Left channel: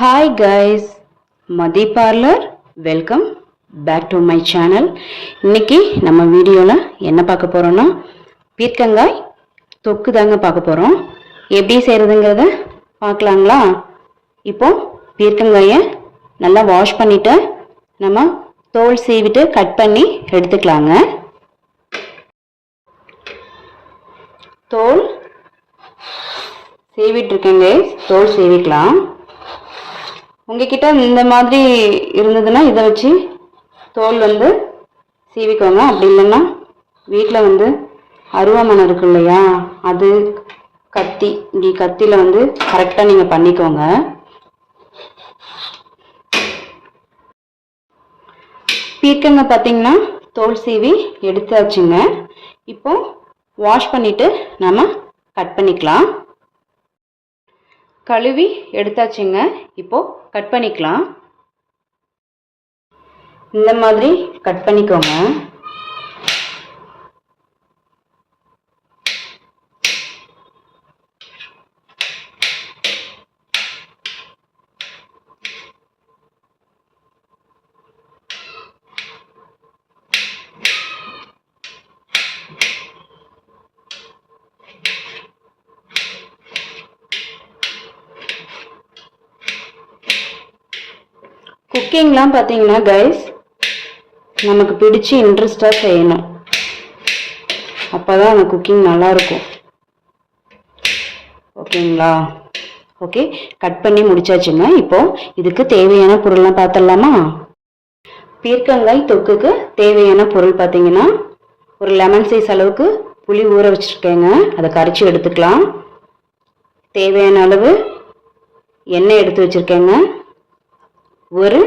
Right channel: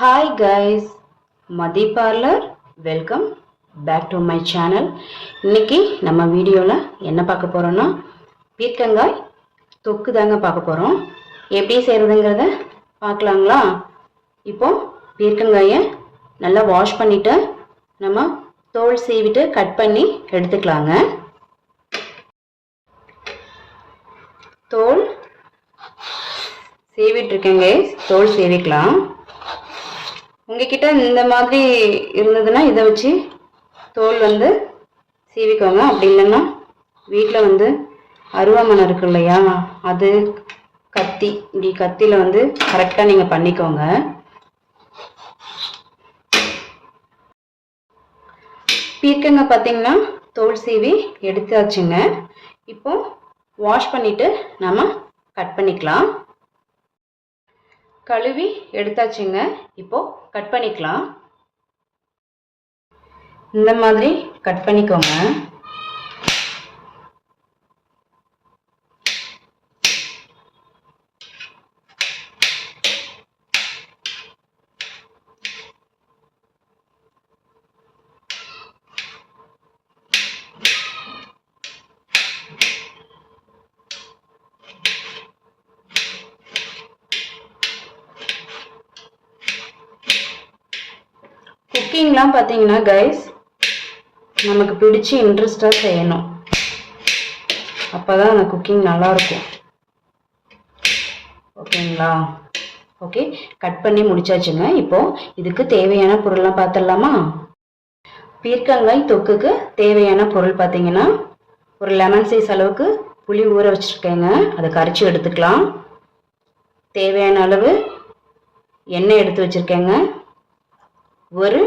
Hi guys, Madhi Parlor, welcome back to my channel. இன்னைக்கு நம்ம வீடியோல என்ன பார்க்க போறோம்னா பீர்க்கங்காய் தொக்கு தாங்க பார்க்க போறோம். எப்படி செய்யறதுங்கறத பார்க்கலாங்களா? இப்போ பீர்க்கங்காயை நல்லா வாஷ் பண்ணிட்டு நம்ம தோல் சீவிட்டு கட் பண்ணி எடுத்துக்கலாங்க. தோல் சீவிட்டு இருக்கேங்க, தோல் சீவிக்கலாம். உங்ககிட்ட இந்த மாதிரி இருந்ததுன்னா இதை வச்சு தோல் சீவிக்கோங்க. அப்படி இல்லைன்னா வீட்டில் அருவாமனை இருக்கு இல்லையா, அது கத்தி, இப்படி கத்தியில் கரெக்டாக நீங்கள் பண்ணிக்கோங்க. பீர்க்கங்காய் பார்த்தீங்கன்னா தோல் சீவி எடுத்தாச்சுங்க. இப்போ வாஷ் பண்ணிவிட்டு நம்ம கட் பண்ணிக்கலாம். கழுவி எடுத்தாச்சுங்க. இப்போ கட் பண்ணிக்கலாம். இந்த மாதிரி கட் பண்ணிக்கோங்க. குக்கிங்லாம் பார்த்தீங்கன்னா கைஸ் நமக்கு பிடிச்சி இன்ட்ரெஸ்டாக செய்யணும். அப்போ தான் அந்த குக்கிங் நல்லாயிருக்கும். ஓகேங்களா? ஓகே, கட் பண்ணி முடிச்சாச்சுங்க. இப்போது இதுக்கு தேவையான பொருள்லாம் பார்த்துடலாமா? பீர்க்கங்காய் தொக்குக்கு தேவையான பொருள் பார்த்தீங்கன்னா ஒரு லெமன் சைஸ் அளவுக்கு புளி ஊற வச்சுருக்கேங்க. அதை கரைச்சி எடுத்துக்கலாம். தேவையான அளவு எண்ணெய் எடுத்து வச்சுருக்கேங்க. ஒரு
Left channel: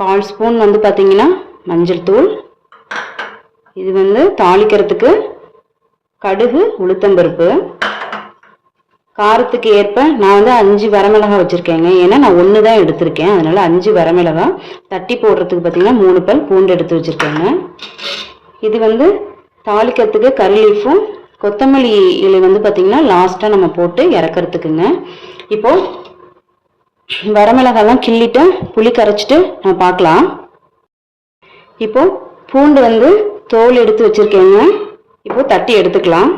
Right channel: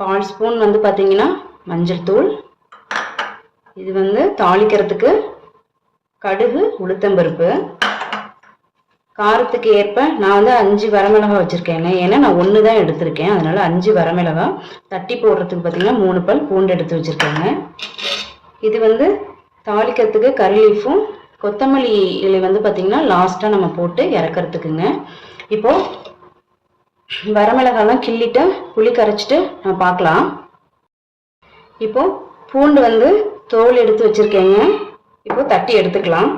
1/4 ஸ்பூன் பார்த்தீங்கன்னா மஞ்சள் தூள். இது தாளிக்கிறதுக்கு கடுகு, உளுத்தம்பருப்பு. காரத்துக்கு ஏற்ப நான் 5 வரமிளகாய் வச்சுருக்கேங்க. ஏன்னா நான் 1 தான் எடுத்திருக்கேன், அதனால் 5 வரமிளகாய். தட்டி போடுறதுக்கு பார்த்தீங்கன்னா 3 பல் பூண்டு எடுத்து வச்சுருக்கேங்க. இது தாளிக்கிறதுக்கு கறி லீஃபும் கொத்தமல்லி இலை பார்த்தீங்கன்னா லாஸ்ட்டாக நம்ம போட்டு இறக்கிறதுக்குங்க. இப்போது வரமிளகாலாம் கிள்ளிட்டு புளி கரைச்சிட்டு நம்ம பார்க்கலாம். இப்போ பூண்டு தோல் எடுத்து வச்சிருக்கேங்க. இப்போ தட்டி எடுத்துக்கலாம்.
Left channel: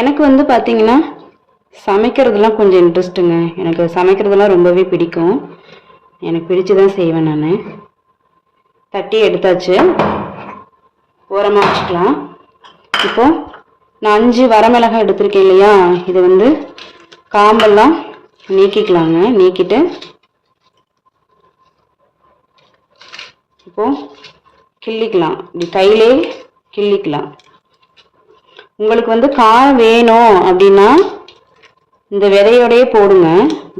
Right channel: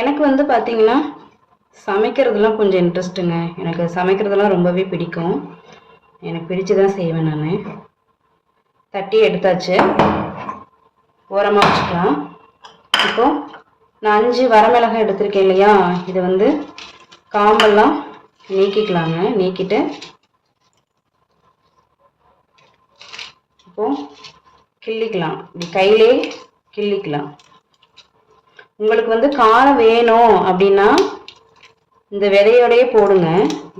எனக்கு பார்த்தீங்கன்னா சமைக்கிறதுலாம் கொஞ்சம் இன்ட்ரெஸ்ட்டுங்க. எனக்கு சமைக்கிறதுலாம் ரொம்பவே பிடிக்கும். எனக்கு பிடிச்சு தான் செய்வேன் நான். தட்டி எடுத்தாச்சு, ஓரமாக வச்சுக்கலாம். இப்போது நான் 5 வரமிளகாய் எடுத்திருக்கேன் இல்லையா, இது காம்பெல்லாம் நீக்கிக்கலாங்க. நீக்கிட்டு இப்போது கிள்ளிக்கலாம். இப்படி கையிலே கிள்ளிக்கலாம். உங்களுக்கு காரம் வேணும் அப்படின்னா இந்த விதையோடையே போடுங்க.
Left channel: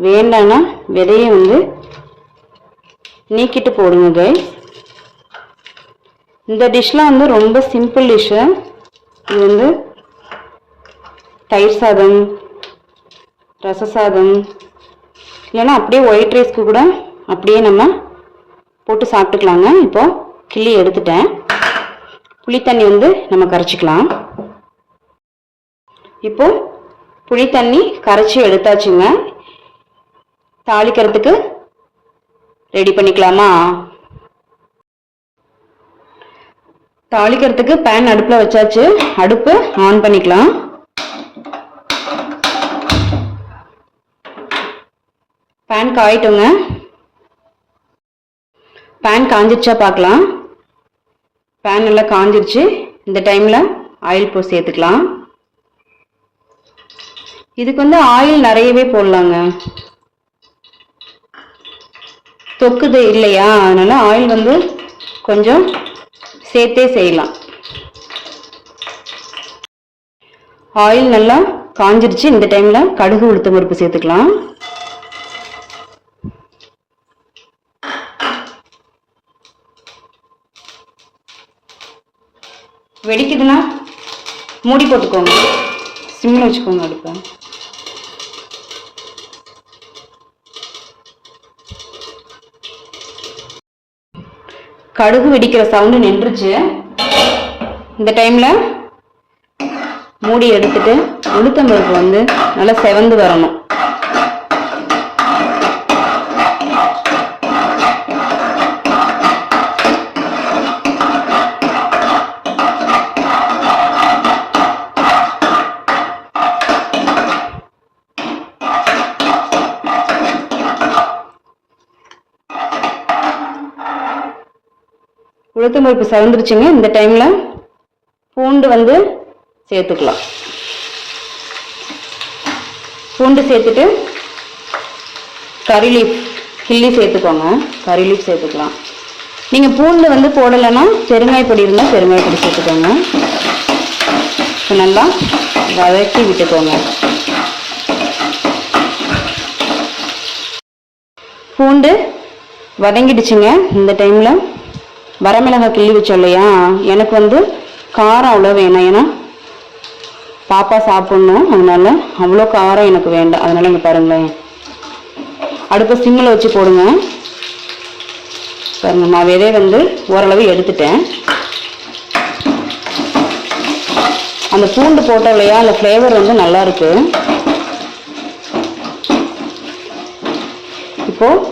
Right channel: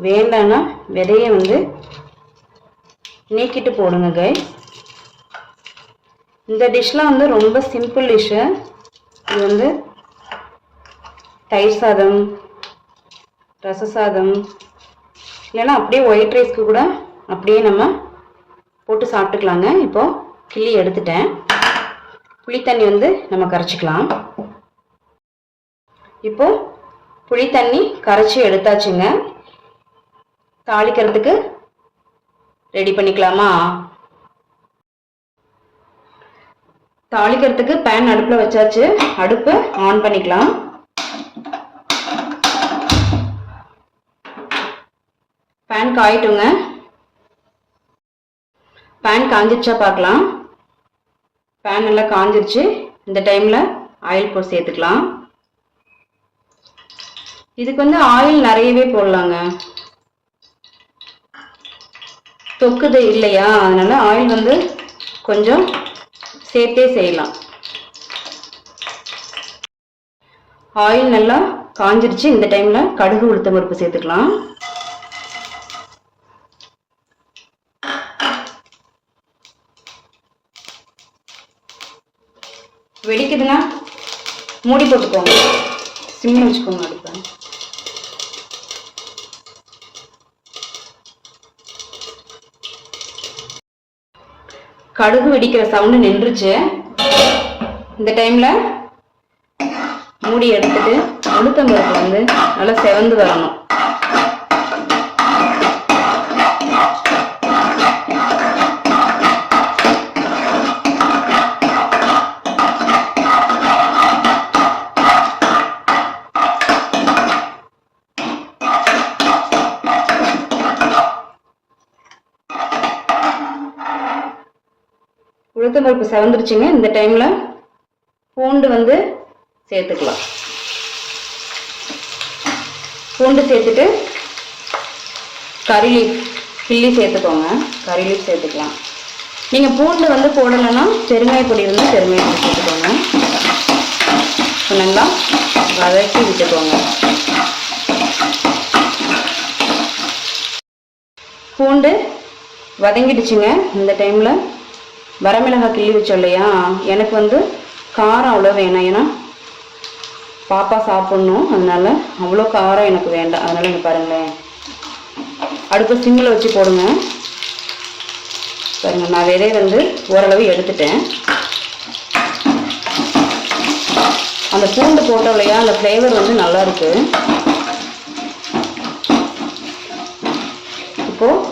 வேண்டான்னா விதையை நீக்கிட்டு போடுங்க கைஸ். இந்த டிஷ்லாம் ரொம்ப சிம்பிள் டிஷ்ஷு. இது தயிர் சாதம், ரச சாதம், இல்லைன்னா அப்படியே ஒயிட் ரைஸ்க்கு கூட அப்படியே நம்ம போட்டு சாப்பிட்டுக்கலாங்க. இப்போது கிள்ளி எடுத்துட்டேன். புளி தண்ணி நம்ம கரைச்சிக்கலாம். இப்போது புளி தண்ணி கரைச்சி எடுத்தாச்சுங்க. தாளிக்கிறதுக்கு ரெடி பண்ணிக்கலாமா? தாளிக்கிறதுக்கு பேன் அடுப்பில் வச்சாச்சு. அடுப்பு ஆன் பண்ணிக்கலாம். பேன் காயிட்டுங்க. பேன் காஞ்சிருச்சா பார்க்கலாம். பேன் நல்லா காஞ்சிருச்சு. இந்த டைமில் ஆயில் சேர்த்துக்கலாம். இதுக்கு ஆயில் நிறையவே போடலாங்க. தொக்குது இல்லையா, அதனால ஆயில் கொஞ்சம் சேர்த்தே செய்யலாம். ஆயில் நல்லா காஞ்சிருச்சு. இந்த டைம்ல கடுகு, உளுத்தம் பருப்பு சேர்த்துக்கலாம். வெடிக்குதுன்னா மூடி போட்டுக்கோங்க, சிம்மில் வச்சுக்கோங்க அடுப்பை. கடுகு வெடிக்கிற சவுண்டு நின்றுச்சு. இந்த டைமில் மூடி எடுத்துட்டு உளுத்தம்பருப்பு வந்து நல்லா செவந்து வரணும். உளுத்தம்பருப்பு செவந்துருச்சுங்க. இந்த டைமில் பூண்டு வந்து சேர்த்துக்கலாம். பூண்டு சேர்த்துட்டு கறி லீஃப் கிள்ளி சேர்த்துக்கோங்க. கறி லீஃப் சேர்த்துக்கலாம். நீங்கள் பூண்டு வந்து போடலைன்னா பெருங்காய பொடி இருந்தால் பெருங்காய பொடி சேர்த்துக்கோங்க. நல்லா வதக்கி விட்டுக்கோங்க. பூண்டு வதங்கிடுச்சுங்க. இந்த டைமில் வரமிளகாய் கிள்ளி வச்சோம் இல்லையா, எனக்கு வந்து காரம் அவ்வளோ வேணாம். ஏன்னா பாப்பா சாப்பிட்ணும், அதனால அவ்வளோ காரம் எனக்கு வேண்டாம். அதனால இங்கே பாருங்களேன், அடுப்பு சிம்மில் வச்சு போடுங்க. பாருங்கள், நான் விதை வந்து ஓரளவு எடுத்துட்டேன். அந்த பூண்டு போட்டோம் இல்லையா, அந்த ஃப்ளேவர் வந்து நல்லா இருக்கு. இப்போது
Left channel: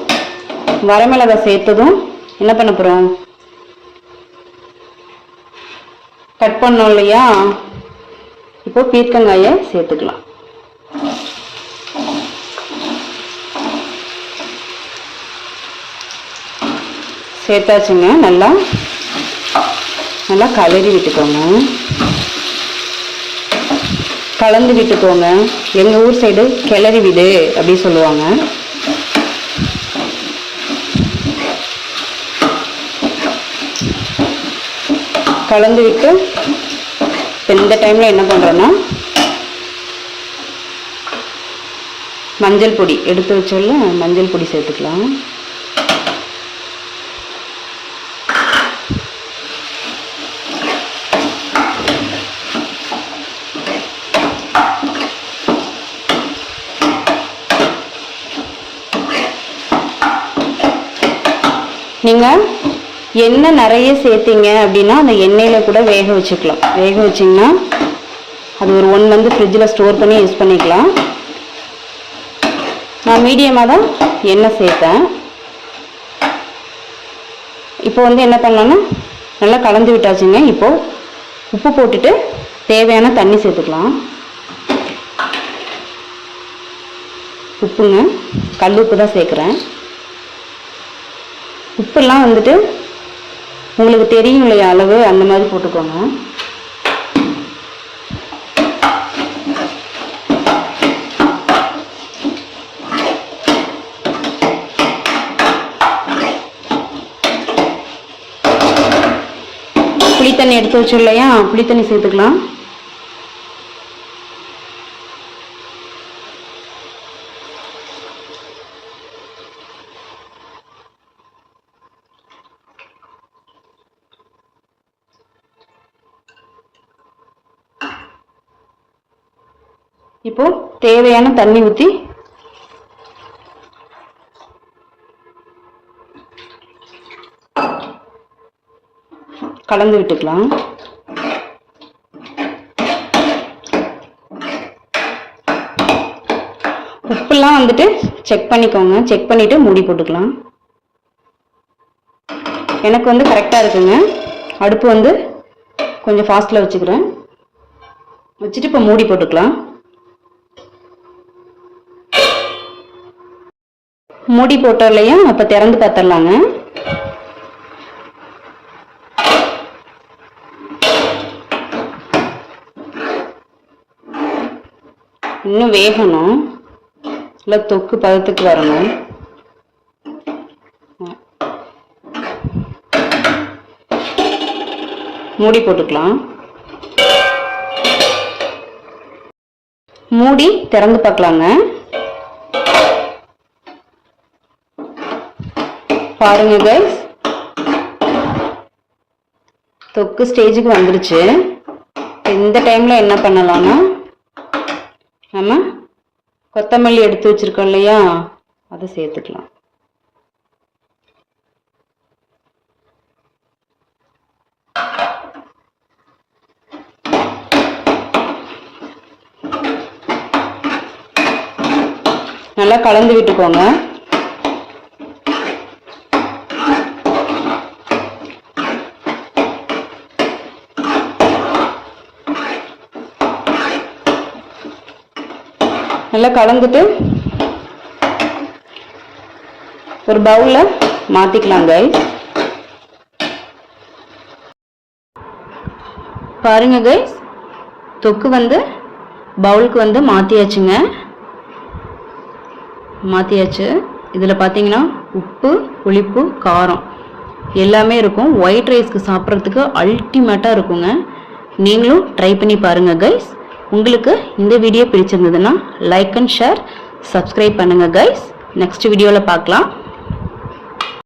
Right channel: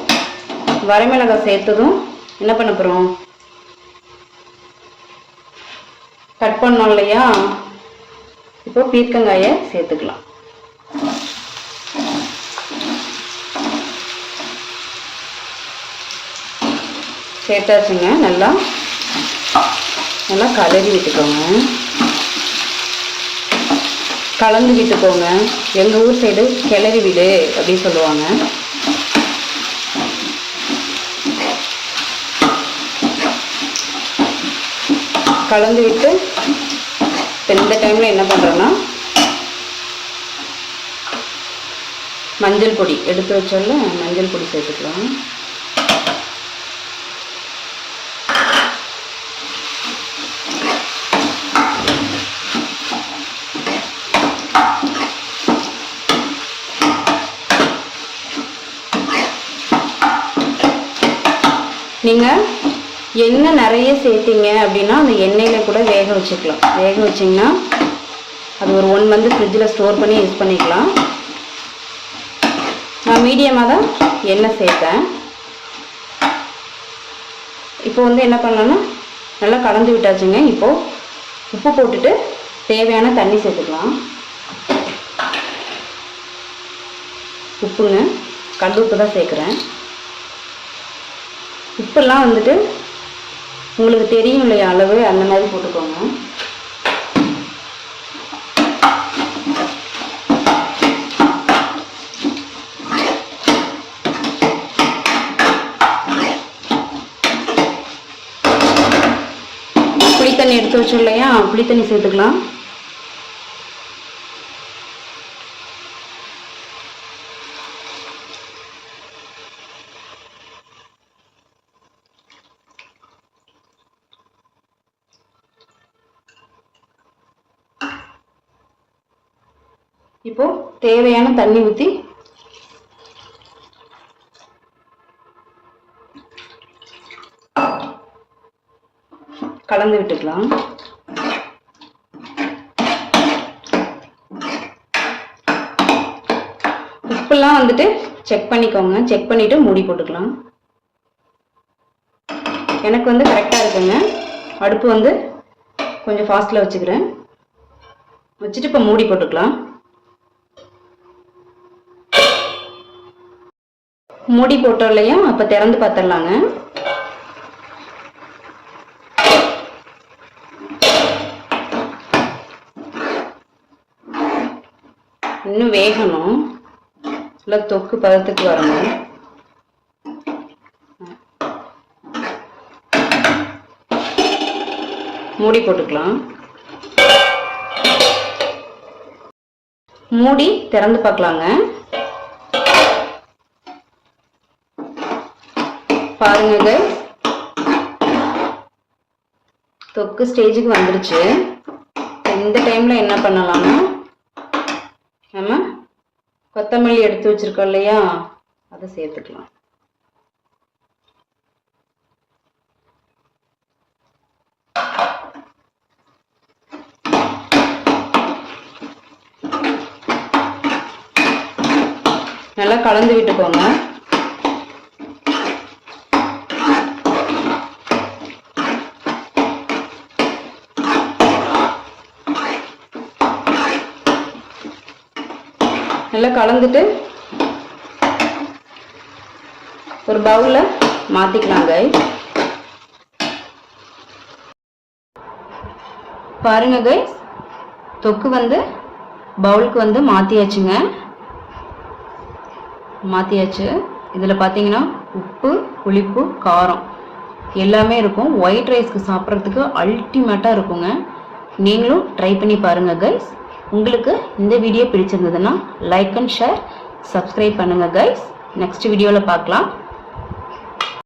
வரமிளகாய் சேர்த்ததும் என்ன பண்ண போகிறோம், கட் பண்ணோம் இல்லையா, இப்போ பீர்க்கங்காயை சேர்த்துக்கலாம். சேர்த்தாச்சுங்க. நல்லா கலரி விட்டுக்கோங்க. கலந்து விட்டுக்கோங்க. எங்கள் ஊர் சைடு கிளறி விடு அப்படின்னு சொல்லுவாங்க. கலந்து விட்டு இந்த டைமில் என்ன பண்ணுறோன்னா, மஞ்சள் பொடி எடுத்து வச்சோல்ல, மஞ்சள் பொடி சேர்த்துக்கலாம். நீங்கள் எண்ணெய் நிறைய சேர்த்திங்க அப்படின்னா அந்த எண்ணெயில் கூட வேக வச்சுக்கலாம். வேக வச்சிங்கன்னா அது ஒரு 1 மந்த் ஃப்ரிட்ஜில் ஸ்டோர் பண்ணி யூஸ் பண்ணிக்கலாம். நான் மீடியமாக தான் எண்ணெய் சேர்த்தேன். இப்போ வந்து என்ன பண்ணலான்னா, நல்லா கலந்து விட்டாச்சுங்க. இப்போது உப்பு போட்டுட்டு தேவையான தண்ணி சேர்த்துக்கலாம். உப்புங்க, கல் உப்பு தான் சேர்க்குறேன். உப்புலாம் வந்துட்டு உங்களுக்கு தெரியும் இல்லையா அளவு, அந்த மாதிரி போட்டுக்கோங்க. புளித்தண்ணி எடுத்து வச்சோம் இல்லையா, புளித்தண்ணி சேர்த்துக்கலாம். இப்போ தேவையான தண்ணி ஊற்றி கலந்து விட்டுக்கலாம். உப்புலாம் வந்துட்டு செக் பண்ணிக்கோங்க. செக் பண்ணிவிட்டு மூடி போட்டுக்கலாம். எனக்கு வந்து கரெக்டாக இருக்குங்க. அடுப்பு வந்து கொஞ்சம் ஃபாஸ்ட்டில் வச்சுக்கிறேன். வச்சுட்டு இப்போ மூடி போட்டுக்கலாம். மூடி போட்டோம் இல்லையா, அப்போ திறந்து பார்த்துடலாங்க. இன்னும் வேகணும், இல்லை தொக்கு பதத்துக்கு வரணும். மூடி போட்டுக்கலாம். மூடி திறந்து பார்க்கலாங்க. பாருங்க கைஸ், தொக்கு ஸ்டேஜுக்கு வந்துருச்சு. இந்த டைமில் என்ன பண்ணலாம்னா, நம்ம கொத்தமல்லி எடுத்து வச்சிருக்கோம் இல்லையா, அதை சேர்த்துக்கலாம். கலந்து விட்டுக்கோங்க. நல்லா கலந்துட்டு ஒரு பவுல்ல மாத்திக்கலாம் கைஸ். பாருங்க கைஸ், தொக்கு வந்து பவுலுக்கு மாத்தியாச்சுங்க. மாத்தியாச்சு. இதில் பார்த்தீங்கன்னா உப்பு, புளிப்பு, காரம் எல்லாமே இருக்கும். ஒயிட் ரைஸ்க்கு சாப்பிட்றதுக்கு அல்டிமேட்டாக இருக்குங்க. நீங்களும் ட்ரை பண்ணி பாருங்கள் கைஸ். உங்களுக்கு இந்த வீடியோ பிடிச்சிருந்ததுன்னா லைக் அண்ட் ஷேர், சப்ஸ்கிரைப் பண்ணுங்கள் கைஸ். நெக்ஸ்ட் வீடியோவில் பார்க்கலாம்.